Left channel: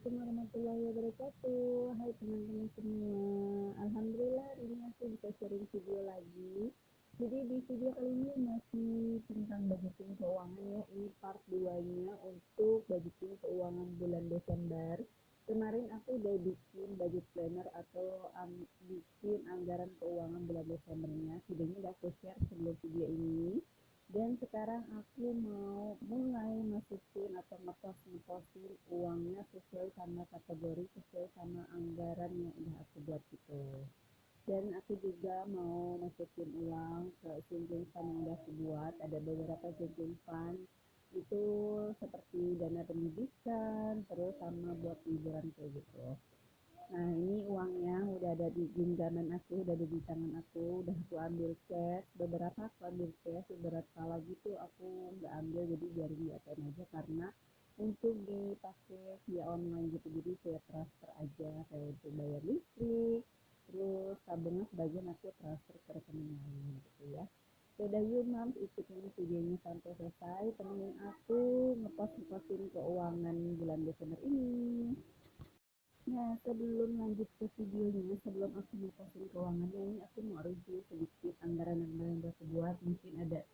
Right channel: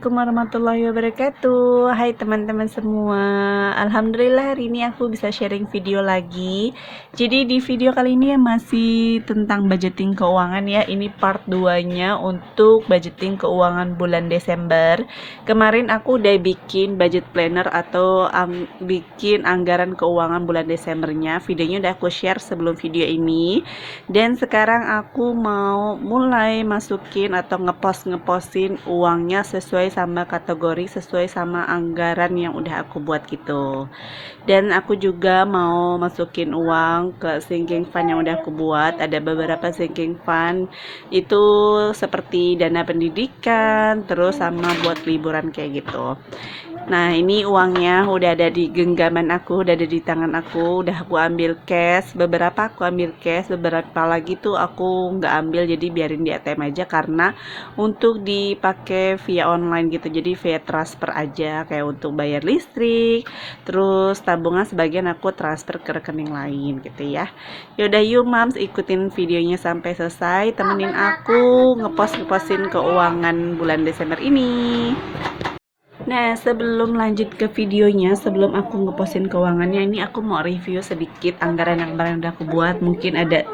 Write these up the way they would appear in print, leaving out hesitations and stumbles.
Assalamualaikum warahmatullahi wabarakatuh. Hai teman-teman semua. Alhamdulillah hari ini aku bisa sharing video lagi. Jadi di video kali ini masih tentang budgeting keuangan ya. Ini part 2-nya untuk budgeting keuangan bulan Desember. Kemarin aku udah bikin budget planner atau bikin anggaran keuangan bulan Desembernya. Videonya udah aku share sebelum video ini. Dan sekarang aku mau mulai masukin atau ngepostin uangnya sesuai sama kategori, sesuai sama anggaran yang udah aku buat gitu. Dan aku juga mau masukin uang ke sinking fund yang udah aku buat. Ada beberapa sinking fund itu seperti dana pendidikan, terus sama buat liburan kayak gitu. Nah ini uangnya udah ada di genggaman aku, udah ada di tangan aku, udah aku ambil cash. Beberapa aku ambil cash, beberapa lagi tuh aku nggak ambil, jadi biarin di ATM aja karena untuk dipakai via online gitu, jadi via transfer aja kayak untuk bayar listrik. Terus tabungan sebagian aku transfer ke rekening lain gitu ya. Yaudah yuk mams, ikutin videonya sampai selesai, temenin aku ngepostin keuangan bulan Desember ini. Nah, sebelum lanjut ke videonya, sebelum aku ngepostin keuangannya, ini aku mau review sedikit anggaran yang kemarin udah aku buat. Mungkin ada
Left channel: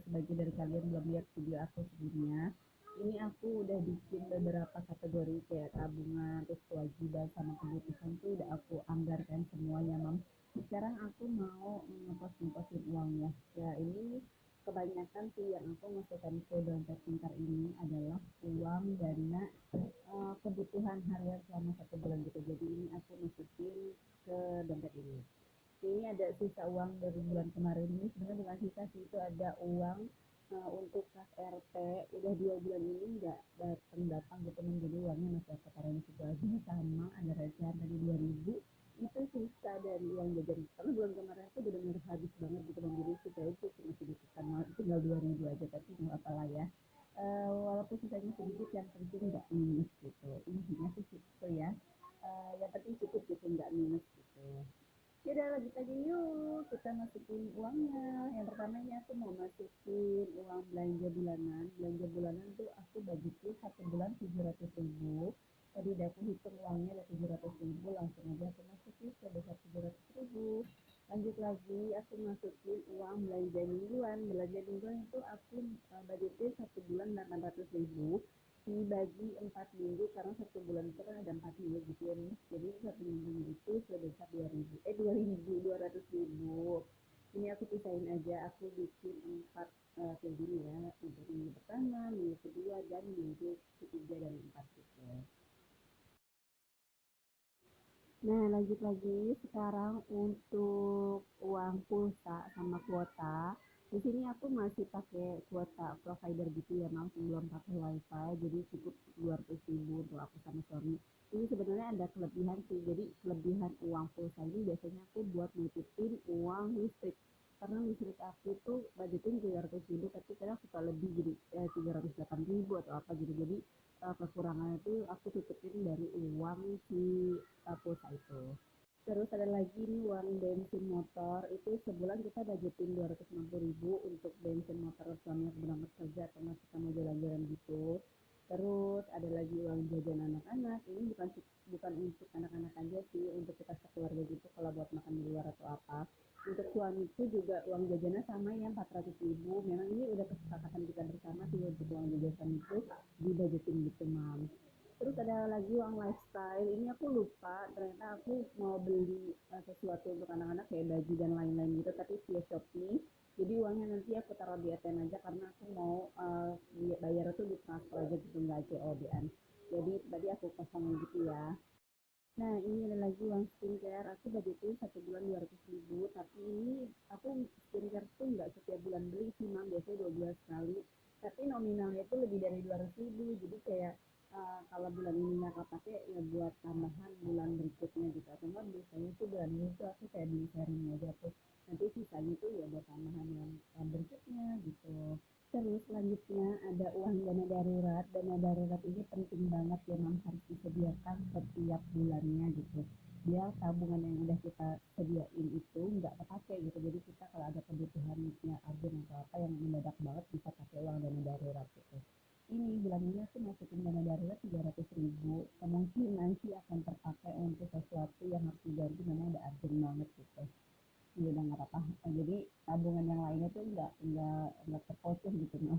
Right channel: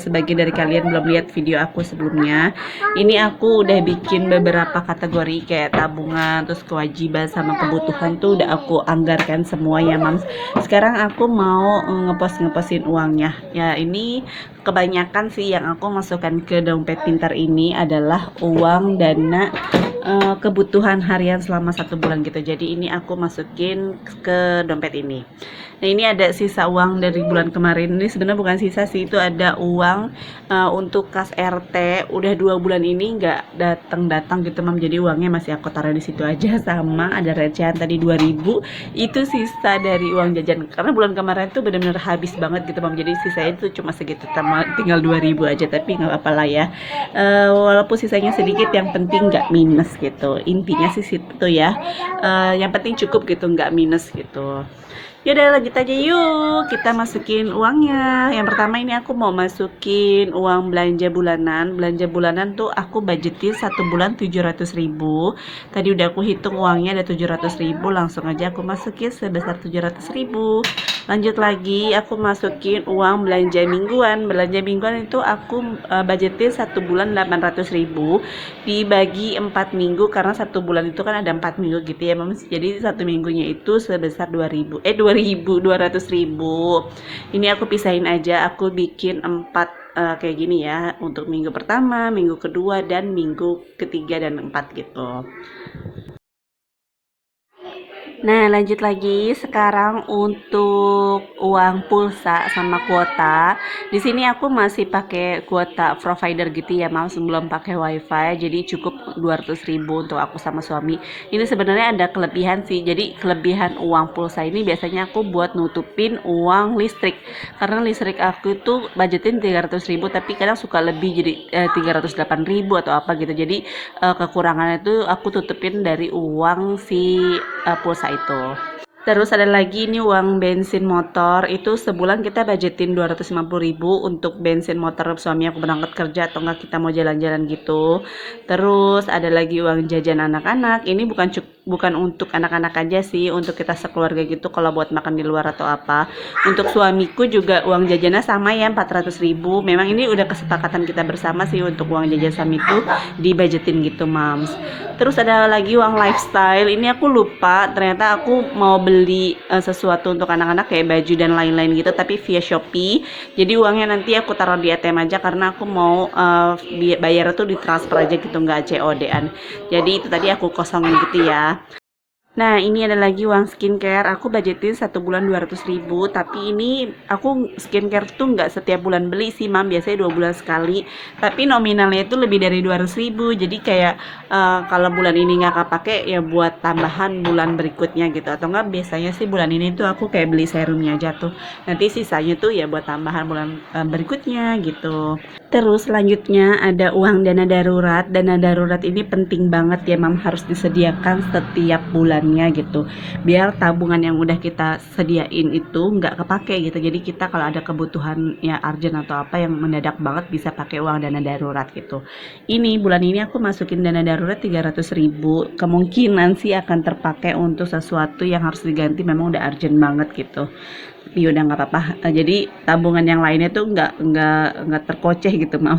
sebagian dari kalian belum lihat video aku sebelumnya. Ini aku udah bikin beberapa kategori kayak tabungan, terus kewajiban sama kebutuhan tuh udah aku anggarkan semua ya, Mams. Sekarang aku mau ngepostin uangnya. Ya, ini kebanyakan sih yang aku masukkan ke dompet pintar ini adalah uang dana kebutuhan harian selama 1 bulan gitu. Jadi ini aku masukin ke dompet ini. Nah ini ada sisa uang dari bulan kemarin. Ini sebenarnya bukan sisa sih, itu ada uang untuk kas RT. Udah 2 bulan ini nggak datang gitu mam. Jadi uangnya masih aku taruh di situ aja. Sama ada recehan tadi 2.000. Itu sisa dari uang jajan. Karena bulan kemarin tuh benar-benar habis banget gitu mam. Jadi sisanya itu cuma segitu, tinggal 2.000 aja. Tapi nggak apa-apa lah ya. Walaupun sisanya sedikit, yang penting nggak minus gitu. Intinya sih situ ya. Yang penting cukup gitu, nggak minus gitu. Yaudah lanjut aja yuk, kita masukin uangnya. Yang pertama ini aku mau masukin uang belanja bulanan. Belanja bulanan tuh aku budgetin 1 bulan 700.000. Tadi udah aku hitung uangnya ada 700.000, langsung aja aku masukin sebesar 700.000. Lanjut lagi, aku masukin uang belanja mingguan. Belanja mingguan itu aku budgetin 1 bulan 800.000 dibagi 4 minggu, karena 1 bulan itu kan ada 4 minggu gitu ya Mams. Jadi 1 minggunya itu sebesar 200.000. Ini aku pisahin aja, aku bikin 4 kayak gini ya, untuk minggu pertama, minggu kedua, dan minggu ketiga dan 4 gitu. Nah, lanjut lagi sekarang untuk uang pulsa sama kuota. Di sini aku masih pakai kuota provider gitu ya, Mam, sebelum pakai WiFi. Jadi cukup 200.000 untuk aku sama suami. Ini sebenarnya ada kelebihan sih. Jadi kelebihan uang pulsa ini biasanya aku buat nutupin uang listrik. Karena listrik aku itu budgetin 300.000, tapi kadang suka lebih jadi 308.000 atau apa gitu. Jadi kekurangannya itu aku tutupin dari uang si pulsa itu. Terus ada lagi ini uang bensin motor, itu sebulan kita budgetin 250.000 untuk bensin motor suami aku berangkat kerja atau enggak kita mau jalan-jalan gitu. Terus ada lagi uang jajan anak-anak, ini bukan untuk anak-anak aja sih, untuk kita sekeluarga gitu kalau buat makan di luar atau apa. Untuk suamiku juga uang jajannya sama ya, 400.000. Memang ini udah kesepakatan kita bersama sih untuk uang jajan suami itu dibudgetin gitu, Mams. Terus ada lagi uang lifestyle, ini aku lupa, ternyata aku mau beli sesuatu untuk anak-anak kayak baju dan lain-lain gitu, tapi via Shopee. Jadi uangnya nanti aku taruh di ATM aja karena aku mau bayar tuh ditransfer aja gitu, nggak COD-an. Jadi itu tadi aku kosongin gitu ya. Nah ini ada lagi uang skincare, aku budgetin 1 bulan 200.000, tapi ini aku skincare tuh nggak setiap bulan beli sih Mam, biasanya 2 bulan sekali, tapi nominalnya itu lebih dari 200.000, jadi kayak kalau bulan ini nggak kepake ya buat tambahan bulan berikutnya gitu, atau nggak biasanya sih bulan ini tuh aku kayak beli serumnya aja tuh, nanti sisanya tuh ya buat tambahan bulan berikutnya gitu. Terus selanjutnya ada uang dana darurat. Dana darurat ini penting banget ya Mam, harus disediakan setiap bulan. kebutuhannya gitu, biar tabungan yang udah kita sediain itu nggak kepake gitu. Jadi kita kalau ada kebutuhan ya urgent atau apa yang mendadak banget bisa pakai uang dana darurat gitu. Ini bulan ini aku masukin dana darurat 300.000, kemungkinan sih akan terpakai untuk sesuatu yang harus diganti, memang udah urgent banget gitu. Tapi udah nggak apa-apa. Jadi tabungan yang lainnya tuh nggak terkoceh gitu, mam.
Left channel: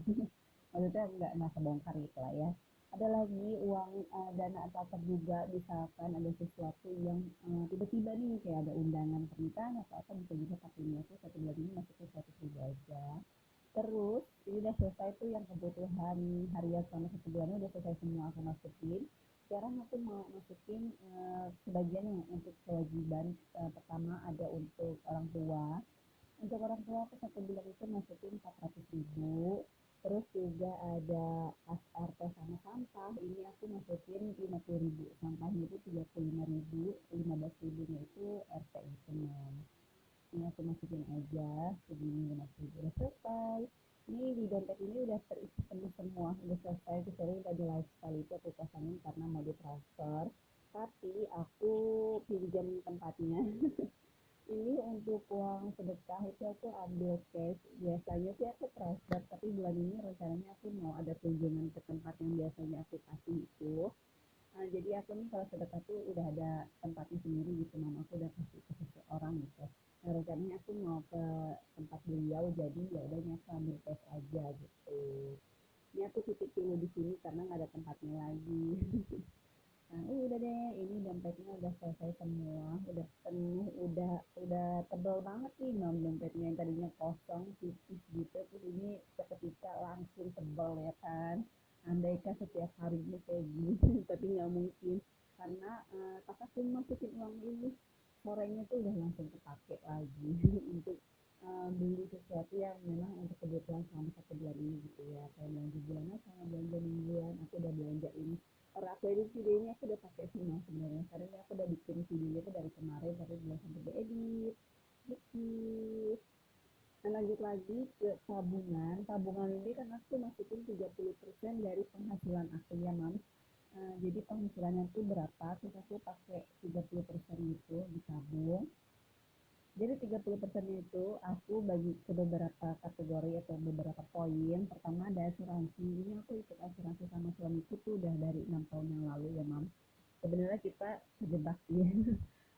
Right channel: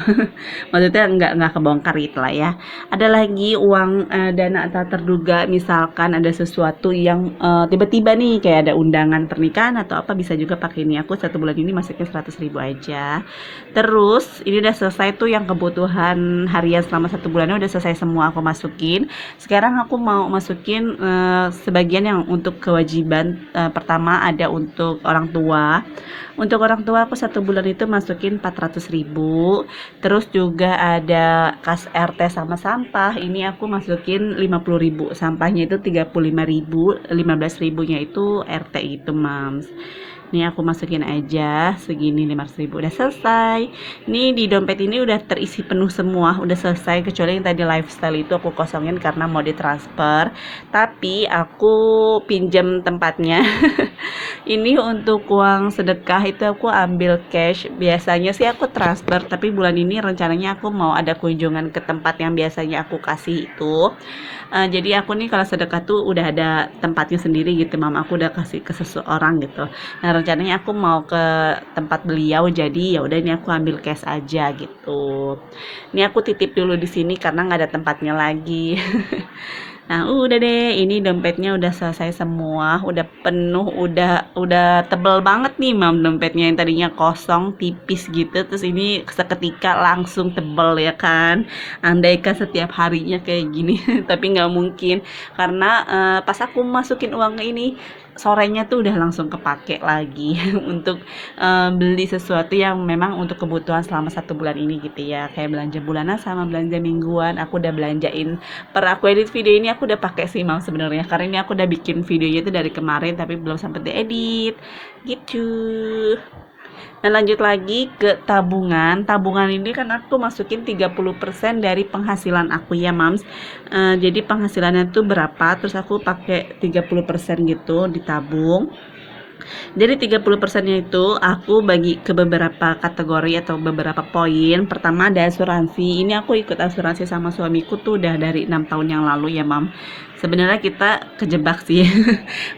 Maksudnya nggak kebongkar gitu lah ya. Ada lagi uang dana tak terduga, misalkan ada sesuatu yang tiba-tiba nih kayak ada undangan pernikahan atau apa, bisa juga pakai ini. Aku satu bulan ini masukin 100.000 aja. Terus ini udah selesai tuh yang kebutuhan harian selama satu bulannya udah selesai semua aku masukin. Sekarang aku mau masukin sebagian yang untuk kewajiban. Pertama ada untuk orang tua. Untuk orang tua aku satu bulan itu masukin 400.000. Terus juga ada kas RT sama sampah. Ini aku masukin 50.000. Sampahnya itu 35.000, 15.000-nya itu RT gitu, Mams. Nih aku masukin aja segini 500.000, udah selesai. Nih di dompet ini udah terisi penuh semua, udah selesai, kecuali yang tadi lifestyle itu aku kosongin karena mau ditransfer, tapi aku pinjam tempatnya. Ini untuk uang sedekah itu aku ambil cash. Biasanya sih aku transfer, tapi bulan ini rencananya aku mau ada kunjungan ke tempat yang biasanya aku kasih itu. Jadi aku nih kalau sedekah tuh udah ada tempatnya sendiri gitu, mam. Aku udah kasih ke seseorang gitu. Nah rencananya aku mau ke tempat beliau, jadi ya udah ini aku ambil cash aja gitu. Ini aku titip dulu di sini karena nggak ada tempatnya lagi. Nah, udah deh, ini dompetnya udah selesai semua, udah penuh, udah tebel banget nih, mam, dompetnya yang tadinya kosong, tipis gitu, terus ini seketika langsung tebel ya kan. Andaikan setiap harinya kayak gini, tapi nggak mungkin karena pas aku masukin uang ini sorenya tuh udah langsung kepake lagi untuk beli sesuatu yang memang untuk kebutuhan selama satu bulan ini gitu ya, kayak belanja bulanan sama belanja mingguan. Aku udah belanjain, per aku edit video ini aku udah pakai sih, mam, sebenarnya karena ini aku udah bikin videonya itu dari kemarin tapi belum sempat diedit gitu. Nah lanjut lagi ke tabungan. Tabungan ini kan aku masukin 30% dari penghasilan aku ya, mams. Jadi penghasilannya tuh berapa, terus aku pakai 30% gitu ditabung. Jadi 30%-nya itu aku bagi ke beberapa kategori atau beberapa poin. Pertama ada asuransi. Ini aku ikut asuransi sama suamiku tuh udah dari 6 tahun yang lalu ya, mam. Sebenarnya kita kejebak sih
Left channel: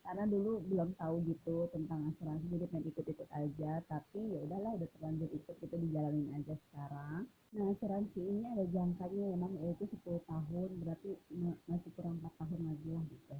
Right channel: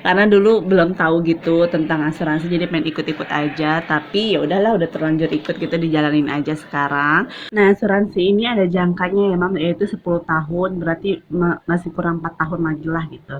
karena dulu belum tahu gitu tentang asuransi, jadi pengen ikut-ikut aja, tapi ya udahlah, udah terlanjur ikut gitu, dijalanin aja sekarang. Nah asuransi ini ada jangkanya ya, mam, yaitu 10 tahun, berarti masih kurang 4 tahun lagi lah gitu.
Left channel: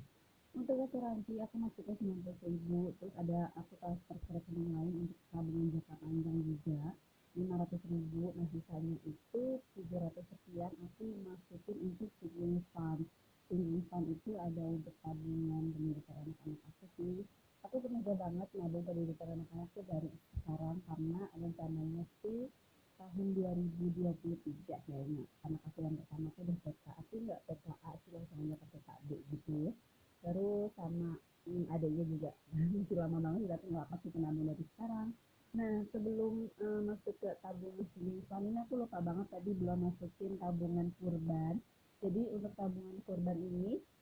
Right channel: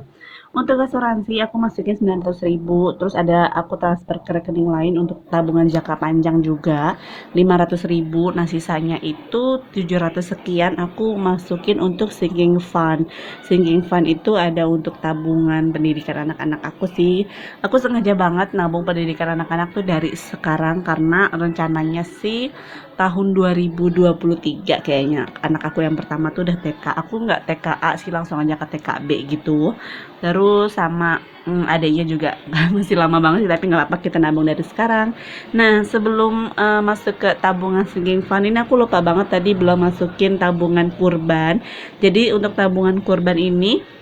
Untuk asuransi aku masukin 900.000, terus ada aku transfer ke rekening lain untuk tabungan jangka panjang juga 500.000. Nah sisanya itu 700 sekian aku masukin untuk sinking fund. Sinking fund itu ada untuk tabungan pendidikan anak-anak aku sih. Aku sengaja banget nabung pendidikan anak-anak tuh dari sekarang karena rencananya sih tahun 2023 kayaknya anak aku yang pertama tuh udah TK. Aku nggak TKA sih, langsung aja ke TKB gitu. Terus sama adanya juga masih lama banget sih, tapi nggak apa-apa, kita nabung dari sekarang. Nah sebelum masuk ke tabungan sinking fund ini, aku lupa banget tadi belum masukin tabungan kurban. Jadi untuk tabungan kurban ini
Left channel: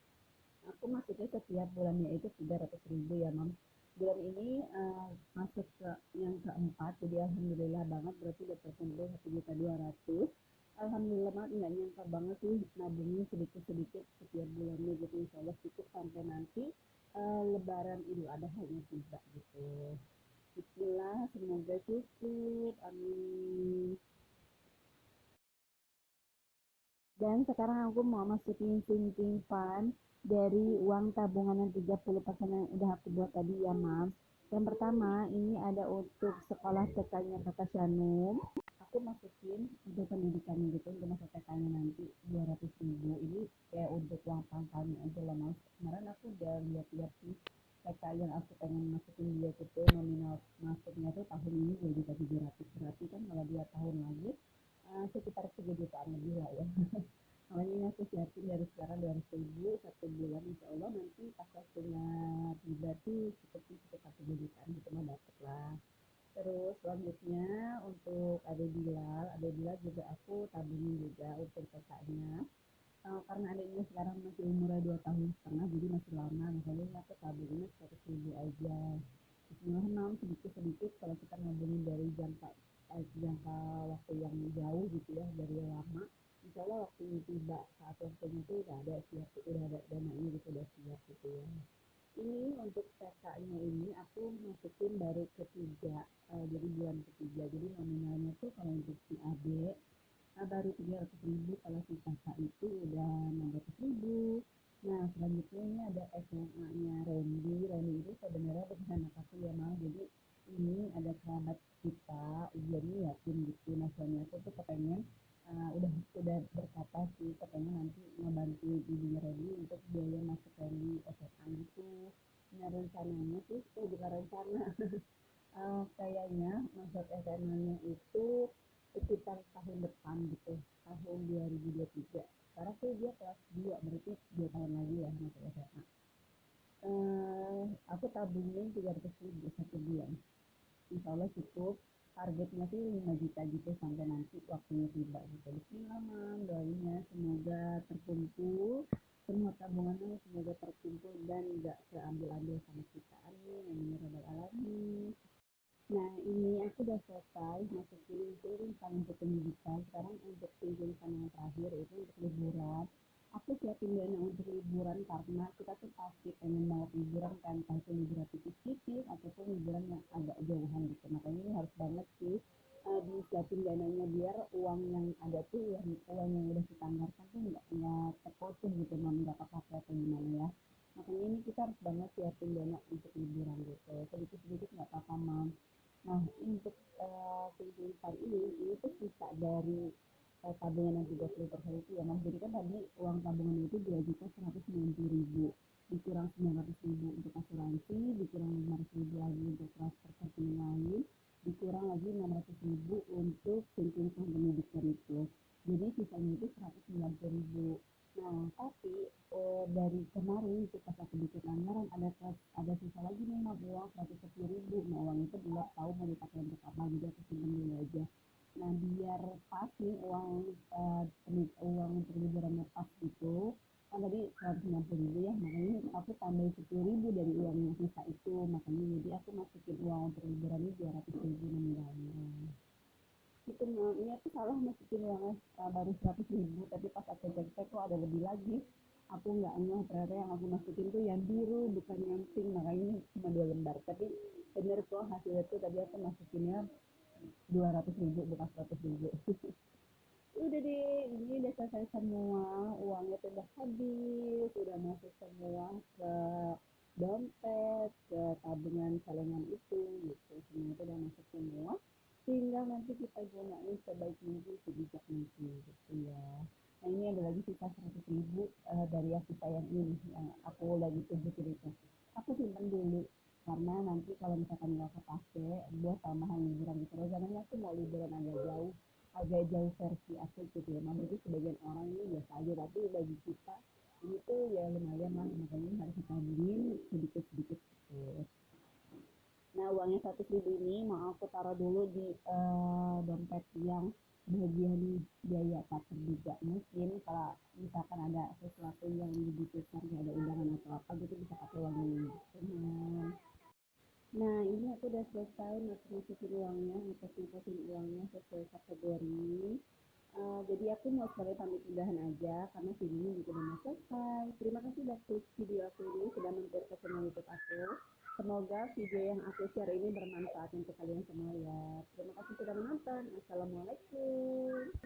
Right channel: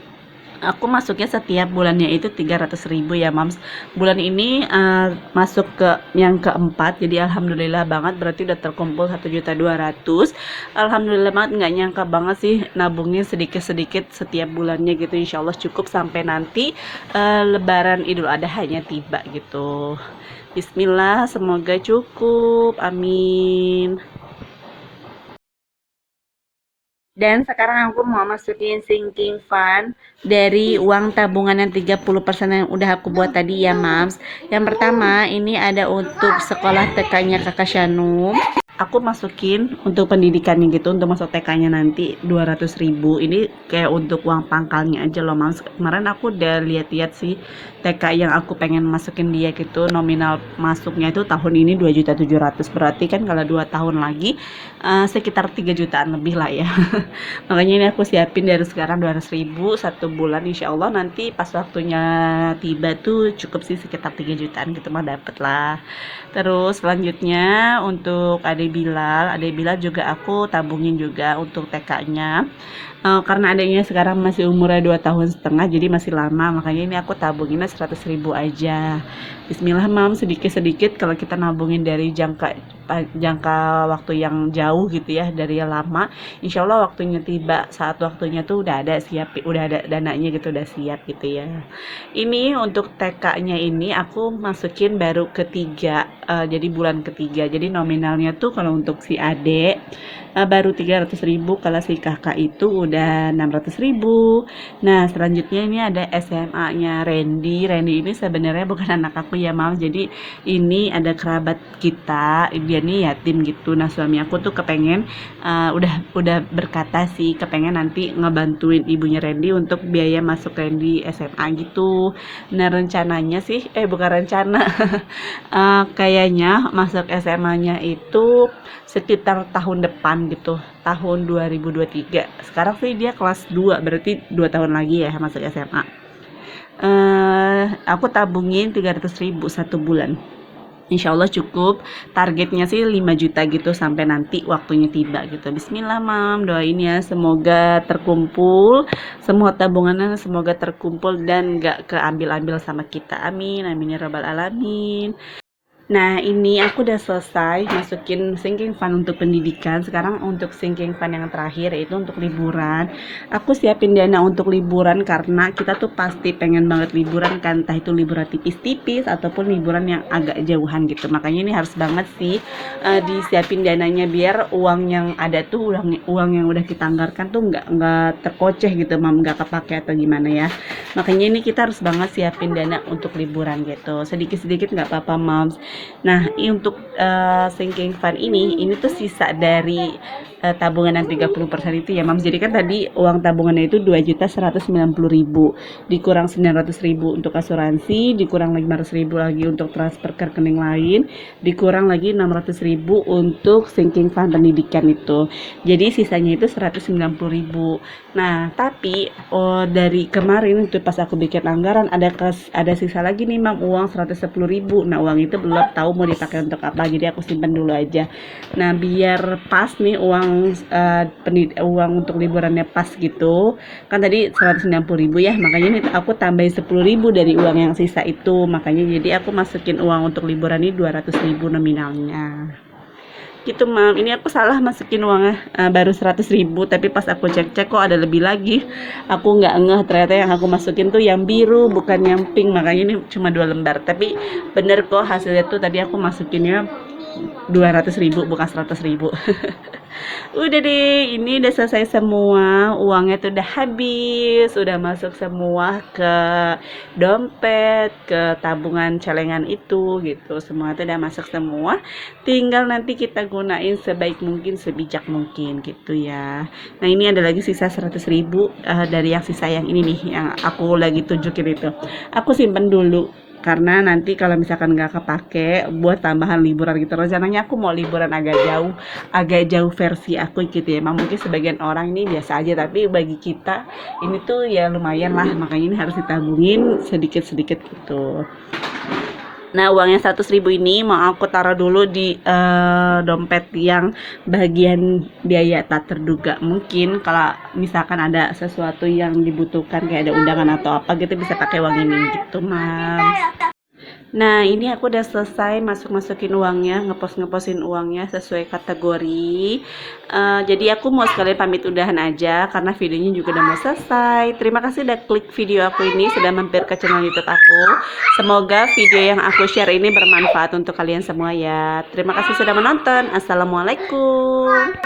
aku masuknya setiap bulannya itu 300.000 ya, mams. Bulan ini masuk ke yang keempat, jadi alhamdulillah banget, berarti udah terkumpul 1.200.000. Alhamdulillah banget, nggak nyangka banget sih nabungnya sedikit-sedikit setiap bulannya gitu. Insya Allah cukup sampai nanti lebaran Idul Adha hanya tiba gitu. Bismillah, semoga cukup, amin. Dan sekarang aku mau masukin sinking fund dari uang tabungan yang 30% yang udah aku buat tadi ya, mams. Yang pertama ini ada untuk sekolah TK-nya kakak Shanum. Aku masukin untuk pendidikannya gitu, untuk masuk TK-nya nanti 200.000. Ini kayak untuk uang pangkalnya aja loh, mams. Kemarin aku udah lihat-lihat sih TK yang aku pengen masukin dia gitu, nominal masuknya itu tahun ini 2.700.000. Berarti kan kalau 2 tahun lagi sekitar 3 jutaan lebih lah ya. Makanya ini aku siapin dari sekarang 200.000 satu bulan, insya Allah nanti pas waktunya tiba tuh cukup sih, sekitar 3 jutaan gitu mah dapet lah. Terus selanjutnya untuk ada Adek Bilal juga aku tabungin juga untuk TK-nya. Karena adiknya sekarang masih umurnya 2 tahun setengah, jadi masih lama, makanya ini aku tabunginnya 100.000 aja. Bismillah mam, sedikit-sedikit kalau kita nabungin dari jangka waktu yang jauh gitu ya, dari yang lama, insya Allah waktunya tiba, saat waktunya tuh udah ada siap, udah ada dananya gitu, udah siap gitu ya. Ini untuk TK-nya ini aku masukin baru ketiga, jadi bulan ketiga, jadi nominalnya tuh kalau untuk si adek baru 300.000, kalau si kakak itu udah 600.000. Nah selanjutnya ini ada SMA-nya Randy. Randy ini sebenarnya bukan anak aku ya mam, jadi ini ada kerabat kita, dia nih yatim gitu. Nah suami aku tuh kepengen udah berkata sih kepengen nanti ngebantuin ibunya Randy untuk biaya masuk Randy SMA gitu. Nah rencananya sih bukan rencana kayaknya masuk SMA-nya itu sekitar tahun depan gitu, tahun 2023. Sekarang sih dia kelas 2, berarti 2 tahun lagi ya masuk SMA. Aku tabungin 300.000 satu bulan. Insya Allah cukup, targetnya sih 5 juta gitu sampai nanti waktunya tiba gitu. Bismillah mam, doain ya semoga terkumpul, semua tabungannya semoga terkumpul dan gak keambil-ambil sama kita, amin amin ya rabbal alamin. Nah ini aku udah selesai masukin sinking fund untuk pendidikan. Sekarang untuk sinking fund yang terakhir yaitu untuk liburan. Aku siapin dana untuk liburan karena kita tuh pasti pengen banget liburan kan, entah itu liburan tipis-tipis ataupun liburan yang agak jauhan gitu. Makanya ini harus banget sih disiapin dananya biar uang yang ada tuh uang yang udah kita anggarkan tuh nggak terkoceh gitu mam, nggak kepake atau gimana ya. Makanya ini kita harus banget siapin dana untuk liburan gitu, sedikit-sedikit nggak apa-apa mam. Nah, untuk sinking fund ini tuh sisa dari tabungan yang 30% itu ya, Mams. Jadi kan tadi uang tabungannya itu 2.190.000, dikurang 900.000 untuk asuransi, dikurang 500.000 lagi untuk transfer ke rekening lain, dikurang lagi 600.000 untuk sinking fund pendidikan itu. Jadi sisanya itu 190.000. Nah, tapi dari kemarin itu pas aku bikin anggaran ada sisa lagi nih, Mam, uang 110.000. Nah, uang itu belum tahu mau dipakai untuk apa, jadi aku simpan dulu aja. Nah biar pas nih uang untuk liburannya pas gitu kan, tadi 190.000 ya, makanya ini aku tambahin 10.000 dari uang yang sisa itu, makanya jadi aku masukin uang untuk liburan ini 200.000 nominalnya gitu mam. Ini aku salah masukin uangnya baru 100.000, tapi pas aku cek-cek kok ada lebih lagi. Aku nggak ngeh ternyata yang aku masukin tuh yang biru bukan yang pink, makanya ini cuma 2 lembar. Tapi bener kok hasilnya tuh tadi aku masukinnya 200.000 bukan 100.000. Udah deh, ini udah selesai semua, uangnya tuh udah habis, udah masuk semua ke dompet, ke tabungan celengan itu gitu, semua tuh udah masuk semua, tinggal nanti kita gunain sebaik mungkin, sebijak mungkin gitu ya. Nah ini ada lagi sisa 100.000 dari yang sisa yang ini nih, yang aku lagi tunjukin itu, aku simpen dulu karena nanti kalau misalkan nggak kepake buat tambahan liburan gitu. Rencananya aku mau liburan agak jauh versi aku gitu ya. Emang mungkin sebagian orang ini biasa aja, tapi bagi kita ini tuh ya lumayan lah, makanya ini harus ditabungin sedikit-sedikit gitu. Nah uangnya 100.000 ini mau aku taruh dulu di dompet yang bagian biaya tak terduga. Mungkin kalau misalkan ada sesuatu yang dibutuhkan kayak ada undangan atau apa gitu, bisa pakai uang ini gitu mam. Nah ini aku udah selesai masukin uangnya, ngeposin uangnya sesuai kategori. Jadi aku mau sekalian pamit udahan aja karena videonya juga udah mau selesai. Terima kasih udah klik video aku ini, sudah mampir ke channel YouTube aku. Semoga video yang aku share ini bermanfaat untuk kalian semua ya. Terima kasih sudah menonton. Assalamualaikum.